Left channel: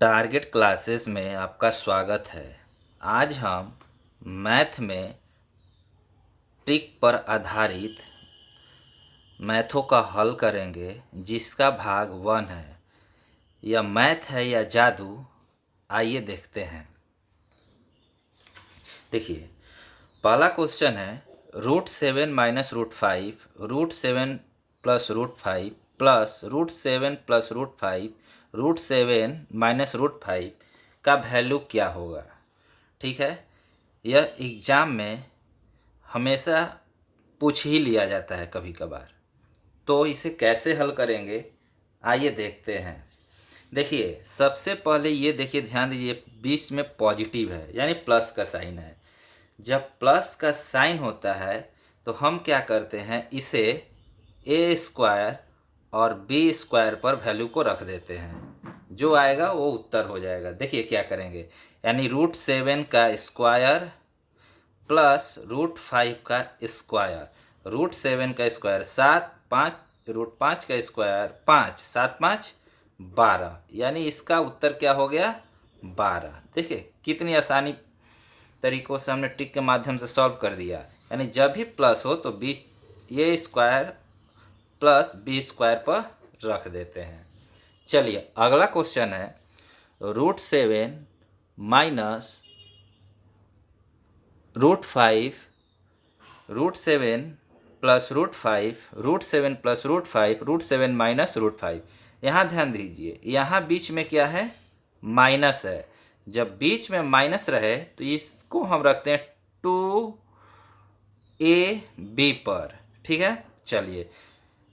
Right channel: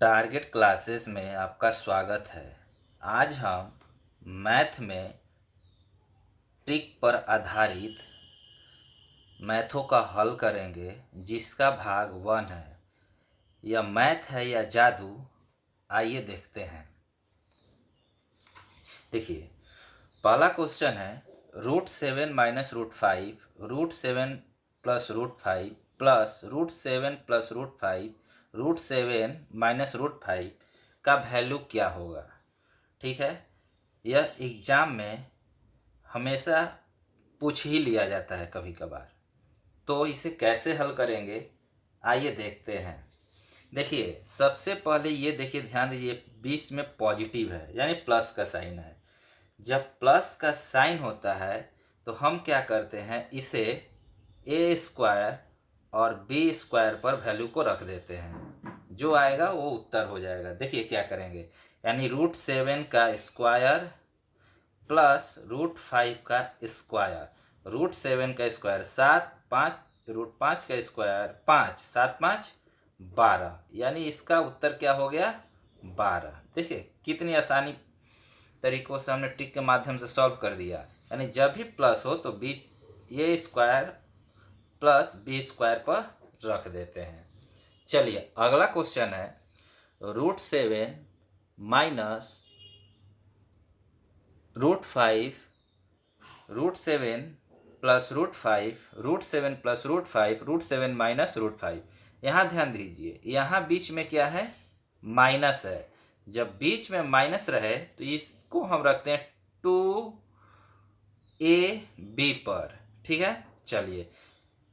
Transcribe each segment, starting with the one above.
Target classes में आपका स्वागत है। आज हम मैथ में ट्रिक पर आधारित मैथों का हल करेंगे, जिसका भाग 1 है। यह मैथ है या जादू, आइए देखते हैं। देखिए, पहला क्वेश्चन है √7 minus √5, √7 plus √5 plus √7 plus √5, √7 minus √5 का वैल्यू क्या होगा। ठीक है, यह एग्ज़ाम में हमेशा पूछ ही लिया जाता है कभी कभार। तो इसे कैसे हल करेंगे, आइए देखते हैं। देखिए, सबसे पहले ये देखिए, ध्यान दीजिए, बीच में पॉजिटिव है यानी प्लस का साइन है। जब प्लस का साइन होता है तो हम क्या करते हैं, इसे ए स्क्वायर और बी स्क्वायर पर वैल्यू को रख देते हैं। जो आएगा वो उत्तर हो जाएगा। देखिए क्या करेंगे, यानी √7 का स्क्वायर प्लस √5 का स्क्वायर। √7 का स्क्वायर 7, 5, √5 का स्क्वायर 5, 7 5 12, यानी इसका उत्तर क्या हो गया, 12। देखिए कितनी आसानी तरीकों से हमने ट्रिक के माध्यम से सॉल्व कर दिया। यानी जब भी प्लस हो तो बी ये स्क्वायर प्लस बी स्क्वायर पर रख देते हैं। चलिए अगला क्वेश्चन है √7 माइनस √5, √7 प्लस √5, √7 प्लस √5, √7 माइनस √5। यहाँ ध्यान दीजिए, यहाँ बीच में क्या है, माइनस है। जब बीच में माइनस रहे तो इसको हम रखते हैं 2ab पर। ठीक है, चलिए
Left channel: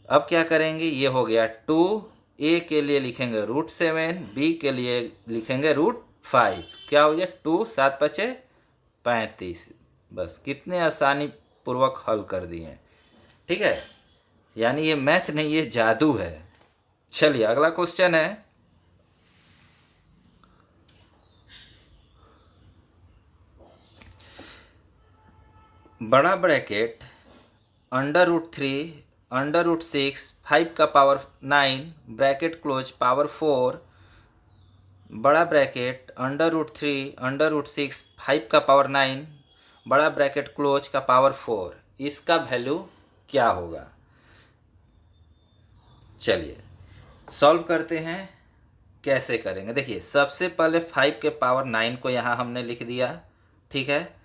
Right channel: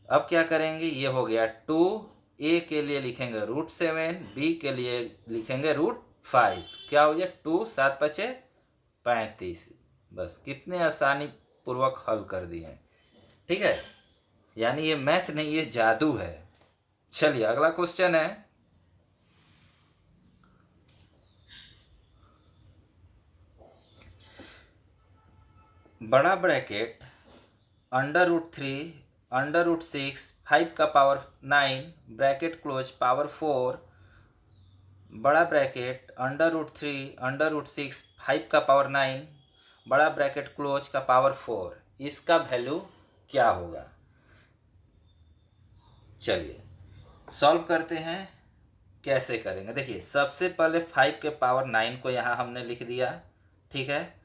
अब क्या करेंगे, ये हो गया 2a के लिए लिखेंगे √7, b के लिए लिखेंगे √5। क्या हो गया, 2 7 5 35। बस कितने आसानी पूर्वक हल कर दिए। ठीक है, यानी ये मैथ नहीं, ये जादू है। चलिए अगला क्वेश्चन है बड़ा ब्रैकेट √3 √6 5 का पावर 9 ब्रैकेट क्लोज पावर 4, बड़ा ब्रैकेट √3 √6 5 का पावर 9 बड़ा ब्रैकेट क्लोज का पावर 4, इसका वैल्यू क्या होगा। चलिए सॉल्व करते हैं। कैसे करेंगे, देखिए सबसे पहले 5 के पावर 9 को यहाँ हमने लिख दिया। ठीक है,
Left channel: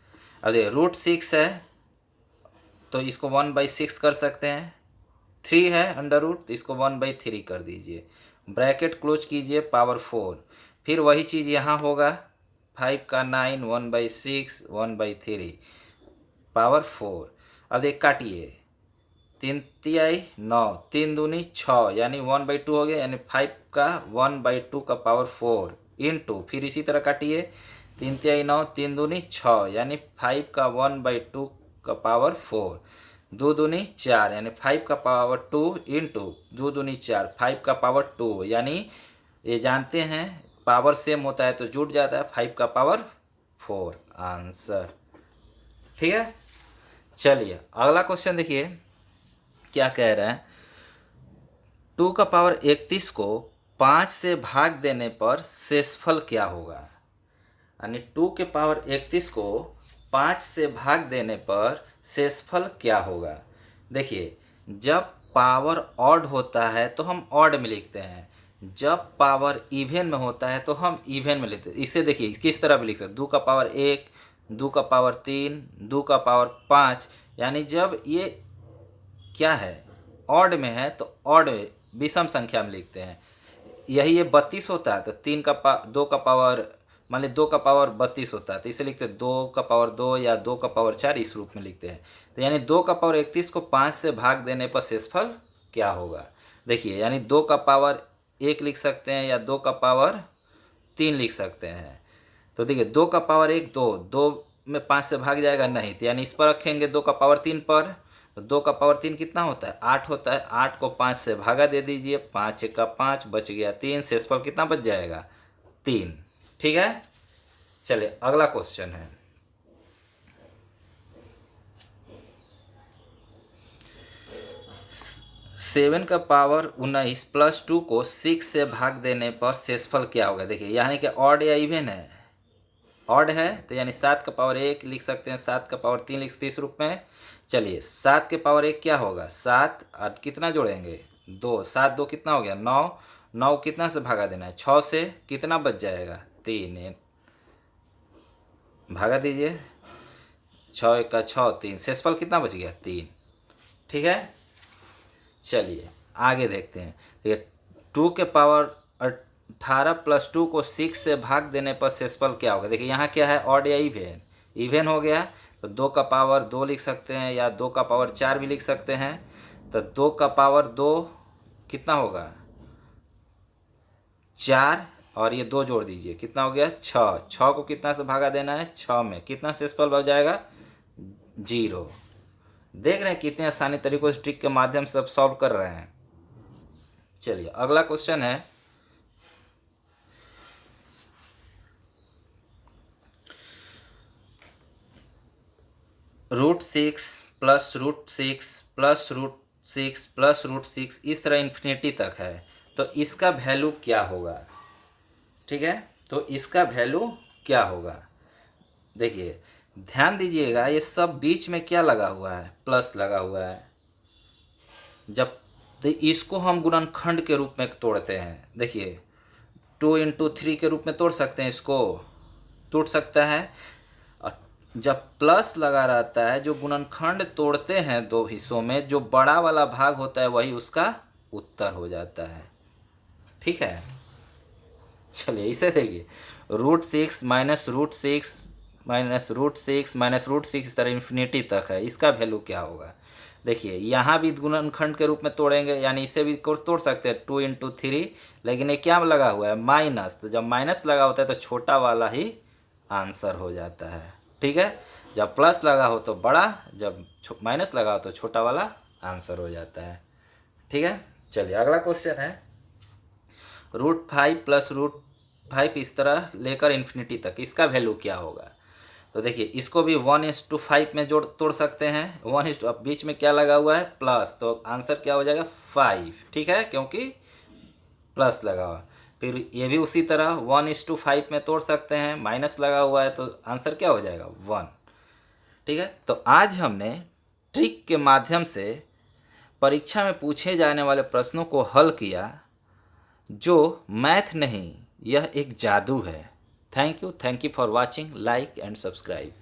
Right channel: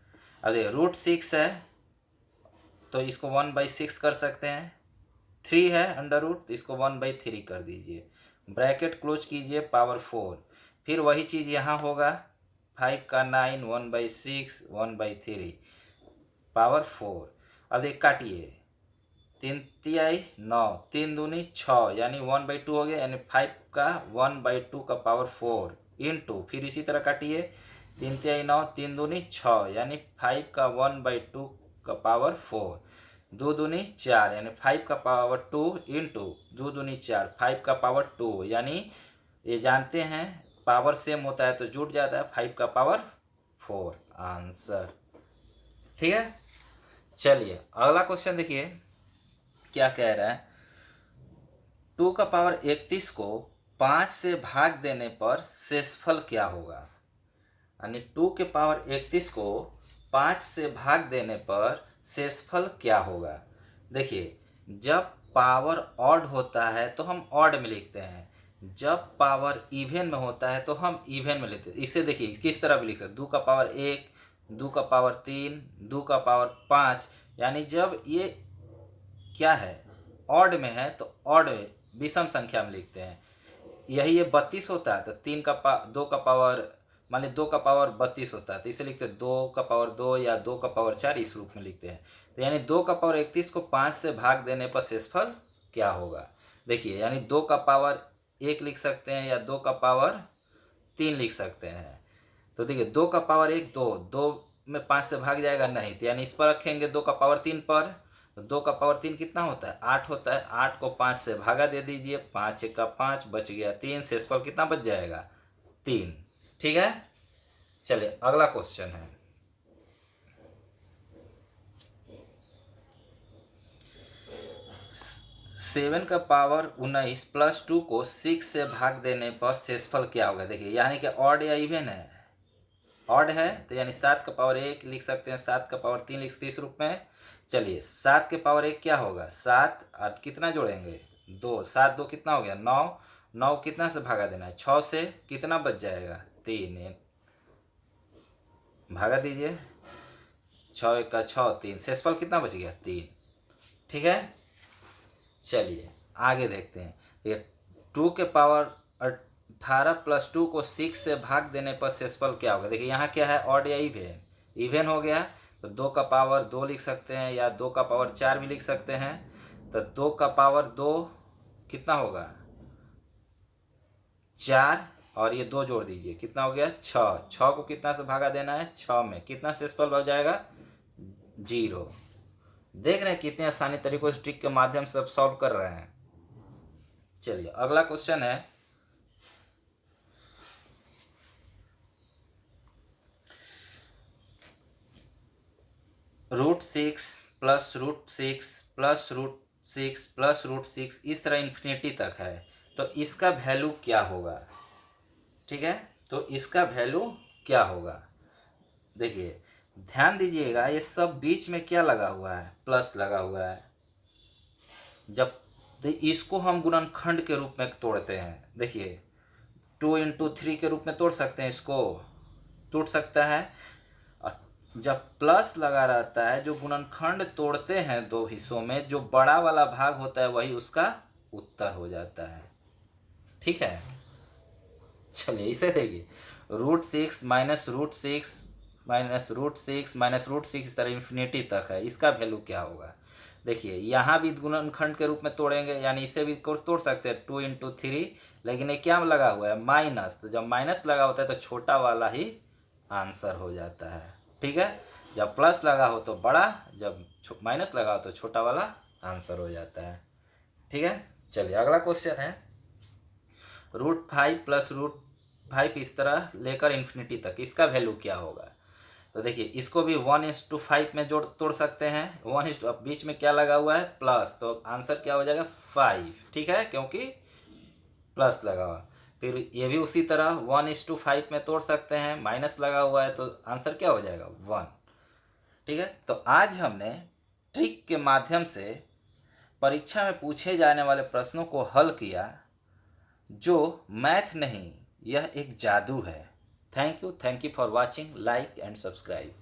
अब देखिए √6 है तो इसको 1/6 कर सकते हैं। 3 है √ तो इसको 1/3 कर दीजिए। ब्रैकेट क्लोज कीजिए, पावर 4। फिर वही चीज़ यहाँ होगा, 5 का 9 1/6 1/3 पावर 4। अब एक काटिए, 3 तिहाई 9, 3 दूनी 6, यानी 1/2 हो गया। यानी 5 का 1/2 का पावर 4 इंटू, फिर इसी तरह काटिए, 3 तिहाई 9, 3 दूनी 6, यानी 5 का 1/2 का पावर 4, 2 दूनी 4, यानी 5 का पावर 2 इंटू 2 दूनी 4, 5 का पावर 2, यानी ये जानते हैं पावर सेम होता है तो जुट जाता है, 5 का पावर 4 आंसर। ठीक है, चलिए अगला क्वेश्चन देखिए क्या कह रहा है, 2 का पावर 31 को 5 से भाग देने पर शेषफल क्या होगा। यानी 2 के पावर 31 को 5 से भाग देने पर शेषफल क्या होगा। देखिए, जब पावर ऑड होता है तो हम ऑड में लिखते हैं, जब पावर इवन में होता है तो हम इवन में लिखते हैं। इसे देखिए किस तरह भी लिख सकते, 2 का पावर 1, 2 का पावर 3, 2 का पावर 5, यानी जब ये क्या है, ऑड में है तो ऑड विषम संख्या में लिखते हैं। यही ये 32 होता है तो 2 का पावर, मान लीजिए 2 का पावर 32 होता है तो इसे लिखते हैं 2 का पावर 2 या 2 का पावर 4, इस रूप में लिखते हैं। तो यानी 2 का पावर 31 को 5 से भाग देने पर शेषफल क्या होगा। देखिए, यानी 2 का पावर 1 लिख सकते हैं या 2 का पावर 3 लिख सकते हैं। तो देखिए 2 का पावर 1 2 में 5 से भाग जाएगा नहीं, तो यानी इस पर रखेंगे 2 का पावर 3 पर। तो 2 का पावर 3 कितना होता है, 8 होता है। 8 को 5 से भागा दे दीजिए, 5 का 5 बच गया 3, शेषफल कितना बच जाएगा, 3। ठीक है, चलिए अगला क्वेश्चन है 7 का पावर 19 प्लस 2 को 6 से भाग देने पर शेषफल क्या होगा। देखिए यानी कि ऑड या इवन है, ऑड है तो यानी 7 का पावर 1 लिख सकते हैं, 7 का पावर 3 लिख सकते हैं इस रूप में। चलिए 7 के पावर 1 क्या होगा, 7 और कितना जोड़ेंगे 2, 7 2 कितना हो गया 9, 9 कितना से भागा देना है 6 से, कितना बच जाएगा 3, भागा दीजिए 6 1 का 6 3, शेषफल कितना बच गया 3। ठीक है, चलिए आगे देखते हैं। ये 2 के पावर 18 प्लस 2 को 6 से भाग देने पर शेषफल क्या होगा। देखिए यहाँ क्या है, ऑड या इवेन, इवेन हो गया तो 2 का पावर 2 लिख सकते हैं या 2 का पावर 4 भी लिख सकते हैं। तो 2 का पावर 2 कितना होगा 4 और ये 2 जोड़ दीजिए कितना हो गया 6, 6 को कितना से भागा देना है 6 में, कितना शेषफल बच जाएगा 0। देख रहे हैं कितने आसानी तरीकों से ट्रिक के माध्यम से अब सॉल्व कर रहे हैं। चलिए अगला क्वेश्चन है, √6 प्लस √6 प्लस √6 प्लस √6 इस तरह इन्फिनिटी तक है, तो इसका वैल्यू क्या होगा। ठीक है, तो इसका वैल्यू क्या होगा। देखिए ध्यान दीजिएगा ये सब बीच में क्या लगा हुआ है, प्लस लगा हुआ है। जब तो इसको हम गुणनखंड के रूप में तोड़ते हैं, देखिए 2 × 3 के रूप में तोड़ सकते हैं, इसको टूट सकता है। और जब प्लस लगा रहता है, जो गुणनखंड तोड़ते हैं दो हिस्सों में, जो बड़ा वाला भाग होता है वही उसका उत्तर हो जाता है। ठीक है, चलिए इसे देखिए √6 माइनस √6 माइनस √6 माइनस √6 इस तरह इन्फिनिटी तक है, इसका वैल्यू क्या होगा। देखिए यहाँ भी गुणनखंड के रूप में तोड़ेंगे, यानी इसे भी तोड़ सकते हैं 2 × 3, लेकिन ये क्या लगा हुआ है माइनस, तो जब माइनस लगा होता है तो छोटा वाला ही आंसर हो जाता है। ठीक है, जब प्लस लगा हो तो बड़ा, जब माइनस लगा हो तो छोटा वाला आंसर हो जाता है। ठीक है, चलिए अगला क्वेश्चन है, √5 प्लस √5 इस तरह लेकर इन्फिनिटी तक, इसका वैल्यू क्या होगा। तो देखिए इसको भी 1:5 में तोड़ सकते हैं, 1 अब बीच में क्या लगा हुआ है प्लस, तो आंसर क्या हो जाएगा 5। ठीक है, क्योंकि प्लस लगा हुआ। फिर ये भी उसी तरह 1:5 में तोड़ सकते हैं, माइनस लगा हुआ है तो आंसर क्या हो जाएगा 1। ठीक है, तो आज हमने ट्रिक के माध्यम से परीक्षा में पूछे जाने वाले प्रश्नों को हल किया, जो मैथ नहीं, यह एक जादू है। Thank you for watching, like and subscribe.